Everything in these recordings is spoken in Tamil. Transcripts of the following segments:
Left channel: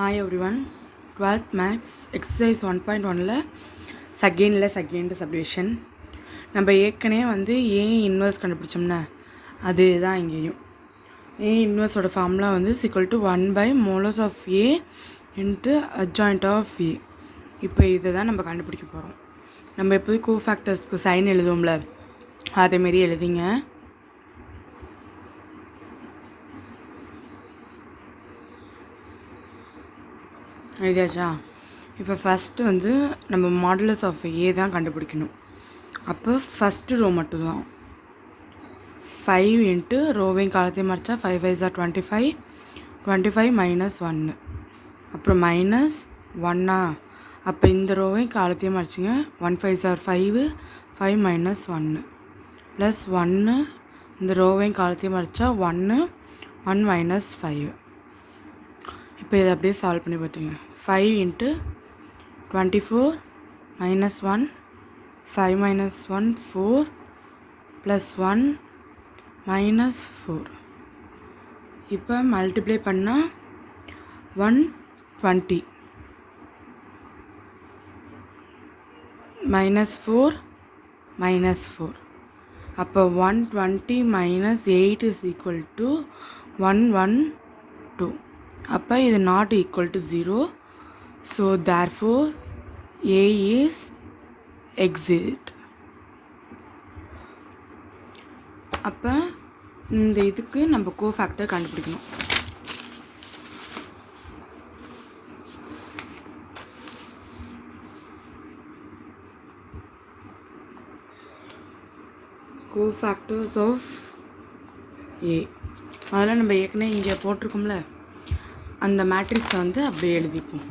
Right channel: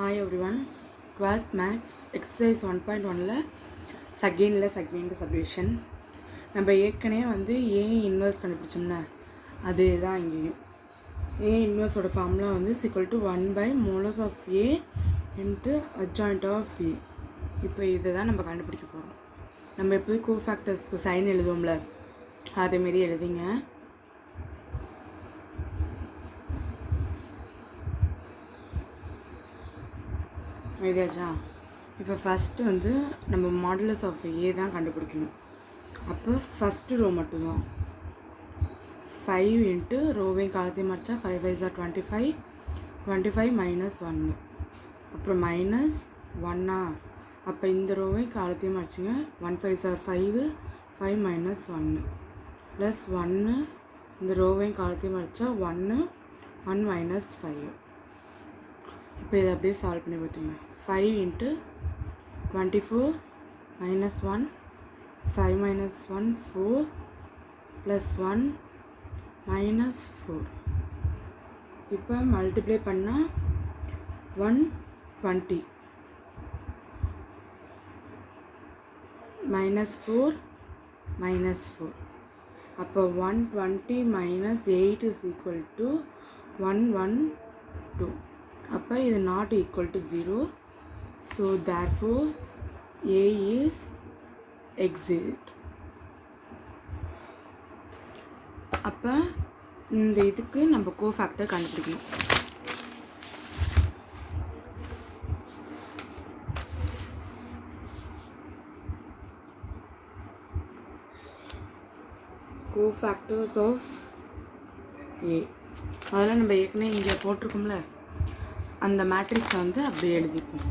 Hi everyone, 12th Maths exercise 1.1ல செகண்ட் சப்டிவிஷன் நம்ம ஏற்கனவே ஏ இன்வர்ஸ் கண்டுபிடிச்சோம்னா அதே தான் இங்கேயும் ஏ இன்வர்ஸோட ஃபார்முலா ஈக்குவல் டு 1/மோலஸ் of A into adjoint of A. இப்போ இதை தான் நம்ம கண்டுபிடிக்க போகிறோம். நம்ம எப்போது கோஃபேக்டர்ஸ்க்கு சைன் எழுதுவோம்ல அதேமாரி எழுதிங்க. எழுதியாச்சா? இப்போ ஃபஸ்ட்டு நம்ம மாடுலஸ் ஆஃப் ஏ தான் கண்டுபிடிக்கணும். அப்போ ஃபஸ்ட்டு ரோ மட்டும்தான் 5 இன்ட்டு ரோவையும் காலத்தையும் மறைச்சா 5 5 ஆர் 25, 25 மைனஸ் 1, அப்புறம் மைனஸ் 1. அப்போ இந்த ரோவையும் காலத்தையும் மறைச்சிங்க. 1 5 ஆர் 5, 5 மைனஸ் 1 ப்ளஸ் 1. இந்த ரோவையும் காலத்தையும் மறைச்சா 1, 1 மைனஸ் 5. இப்போ இதை அப்படியே சால்வ் பண்ணி பார்த்தீங்க. 5 into 24 minus 1, 5 minus 1 4 plus 1 minus 4. இப்போ மல்டிப்ளை பண்ணால் 120 மைனஸ் 4 மைனஸ் 4. அப்போ 120 மைனஸ் 8 இஸ் ஈக்குவல் டு 112. அப்போ இது not equal to 0. So therefore A is exit. அப்போ இந்த இதுக்கு நம்ம கோஃபேக்டர் கண்டுபிடிக்கணும். கோஃபேக்டர்ஸ் ஆஃப் ஏ அதெல்லாம் நம்ம ஏற்கனவே இங்கே போட்டிருக்கோம்ல, அந்த மேட்ரிக்ஸை அப்படியே எழுதிப்போம்.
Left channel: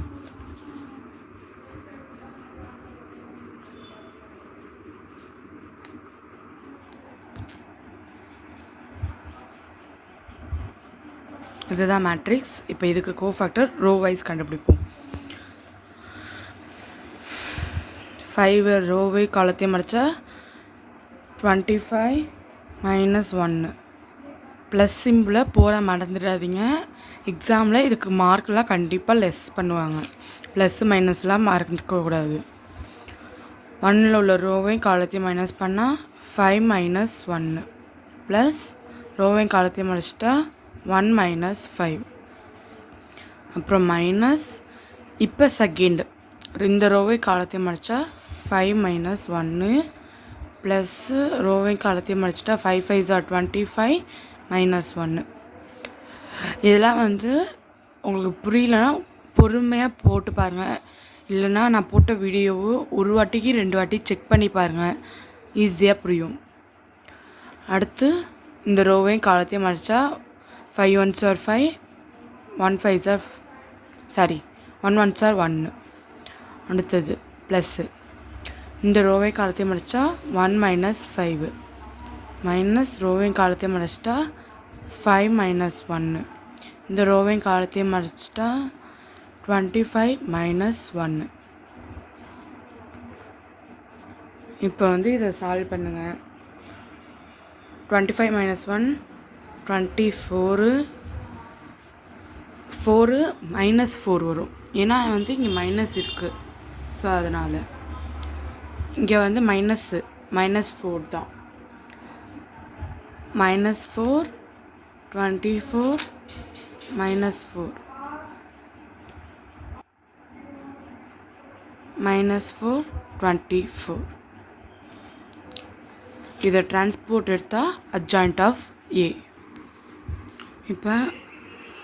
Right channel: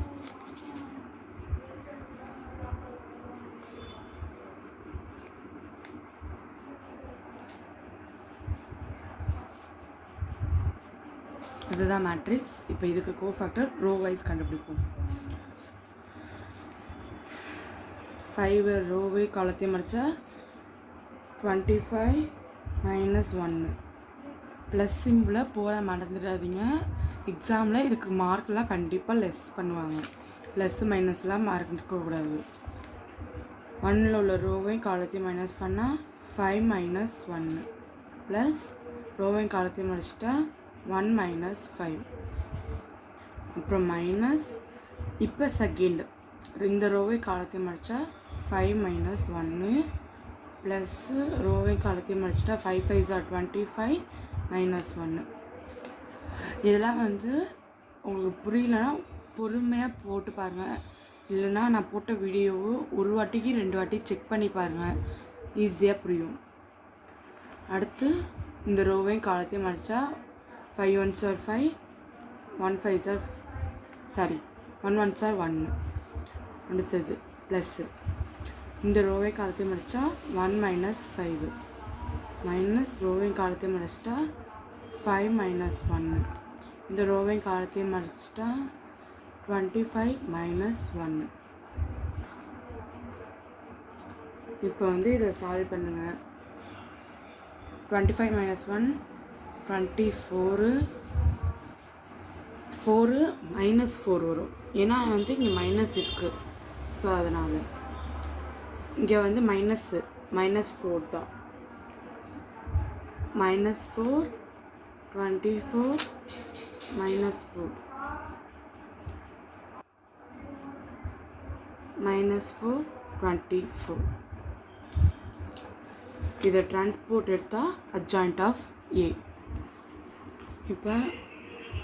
இதுதான் மேட்ரிக்ஸ். இப்போ இதுக்கு கோஃபேக்டர் ரோ வைஸ் கண்டுபிடிப்போம். 5 ரோவை காலத்தையும் மறைச்சா 25 மைனஸ் 1 ப்ளஸ் சிம்பிளை போட மறந்துடாதீங்க. எக்ஸாமில் இதுக்கு மார்க்லாம் கண்டிப்பாக லெஸ் பண்ணுவாங்க. ப்ளஸ் மைனஸ்லாம் மறந்துக்கக்கூடாது. 1ல் உள்ள ரோவையும் காலத்தையும் மைனஸ் பண்ணால் 5 மைனஸ் 1 ப்ளஸ் ரோவையும் காலத்தையும் மறைச்சிட்டா 1 மைனஸ் 5, அப்புறம் மைனஸ். இப்போ செகண்ட் இந்த ரோவை காலத்தையும் மறைச்சா 5 மைனஸ் 1 ப்ளஸ்ஸு ரோவை காலத்தையும் மறைச்சிட்டா 5 5 ஆர் 25 மைனஸ் 1. இதெல்லாம் உங்களுக்கு புரியலன்னா பொறுமையாக போட்டு பாருங்கள். இல்லைன்னா நான் போட்ட வீடியோவை ஒரு வாட்டிக்கு 2 வாட்டி செக் பண்ணி பாருங்கள், ஈஸியாக புரியும். அடுத்து இந்த ரோவையும் காலத்தையும் மறைச்சா 5 1s are 5, 1 5s are 1 1s are 1. அடுத்தது ப்ளஸ்ஸு இந்த ரோவை காலத்தையும் மறைச்சா 1 மைனஸ் 5 மைனஸ் ரோவையும் காலத்தையும் மறைச்சிட்டா 5 மைனஸ் 1. இந்த ரோவையும் காலத்தையும் மறைச்சிட்டா 25 மைனஸ் 1. இப்போ இதை சால்வ் பண்ணுங்கள். 25 மைனஸ் 1 24, 4 மைனஸ் 4 வரும். ஏன்னா இங்கே மைனஸ் இருக்குது. ஸோ அதனால் இங்கே மைனஸ் 4 தான். Minus 4 24 minus 4 minus 4 24. இதை டிரான்ஸ்போர்ட் எடுத்தால் அட்ஜாயிண்ட் ஆஃப் ஏ. இப்போ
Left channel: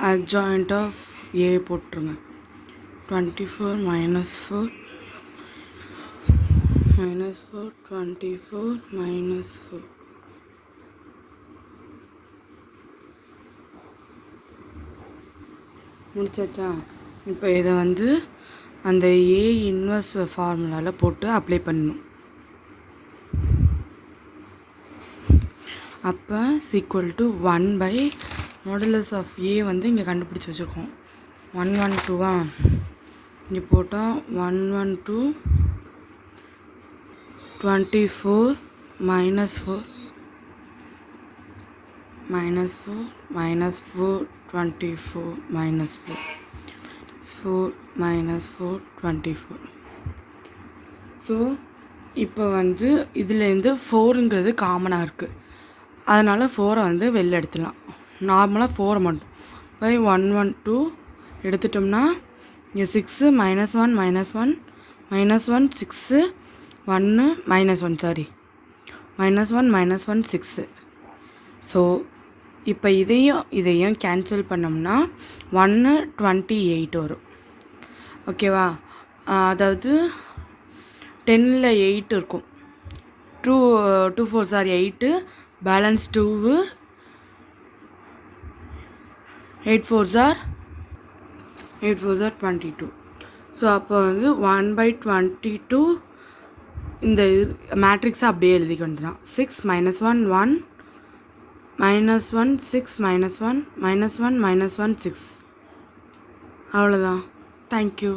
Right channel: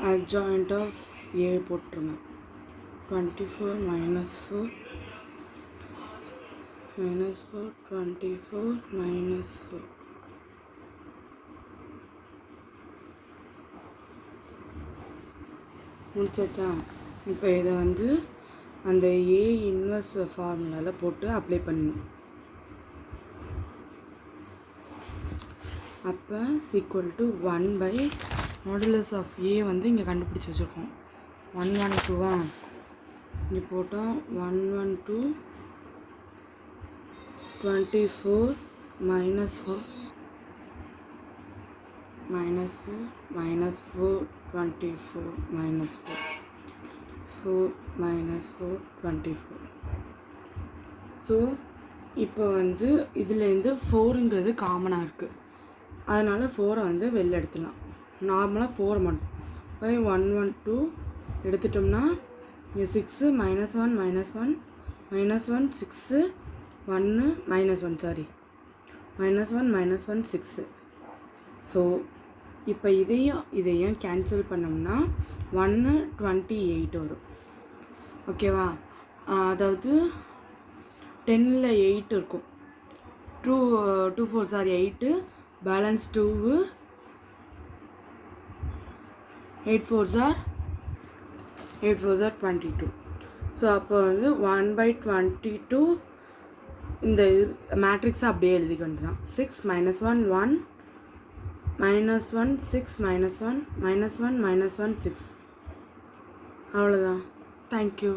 அட்ஜாயிண்ட் ஆஃப் ஏ போட்டுருங்க. 24 மைனஸ் 4 மைனஸ் 4 24 மைனஸ் 4. முடிச்சாச்சா? இப்போ இதை அந்த ஏ இன்வர்ஸ் ஃபார்முலாவில் போட்டு அப்ளை பண்ணணும். அப்போ ஈக்குவல் டு 1 மாடுலஸ் ஆஃப் ஏ இங்கே கண்டுபிடிச்சி வச்சுருக்கோம். 112 இங்கே போட்டால் 112 24 minus 4 minus 4 minus 4 24 minus 4 4 minus 4 24. So இப்போ வந்து இதுலேருந்து 4ங்கிறது காமனாக இருக்குது, அதனால் 4 வந்து வெளில எடுத்துடலாம். நார்மலாக 4 மட்டும் பை 1 1 2 எடுத்துட்டோம்னா இங்கே 6 -1 -1 -1 6 1 -1 சாரி -1 -1 6. ஸோ இப்போ இதையும் கேன்சல் பண்ணோம்னா 1 28 வரும். ஓகேவா? அதாவது 10ல் 8 இருக்கும். 2 4s are 8, balance 2, 8 4s are 22. So அப்போ வந்து 1/22 இந்த மேட்ரிக்ஸை அப்படியே எழுதிக்க வேண்டியதான். 6 -1 1 -1 6 -1 -1 -1 6. அவ்வளோதான். தேங்க்யூ.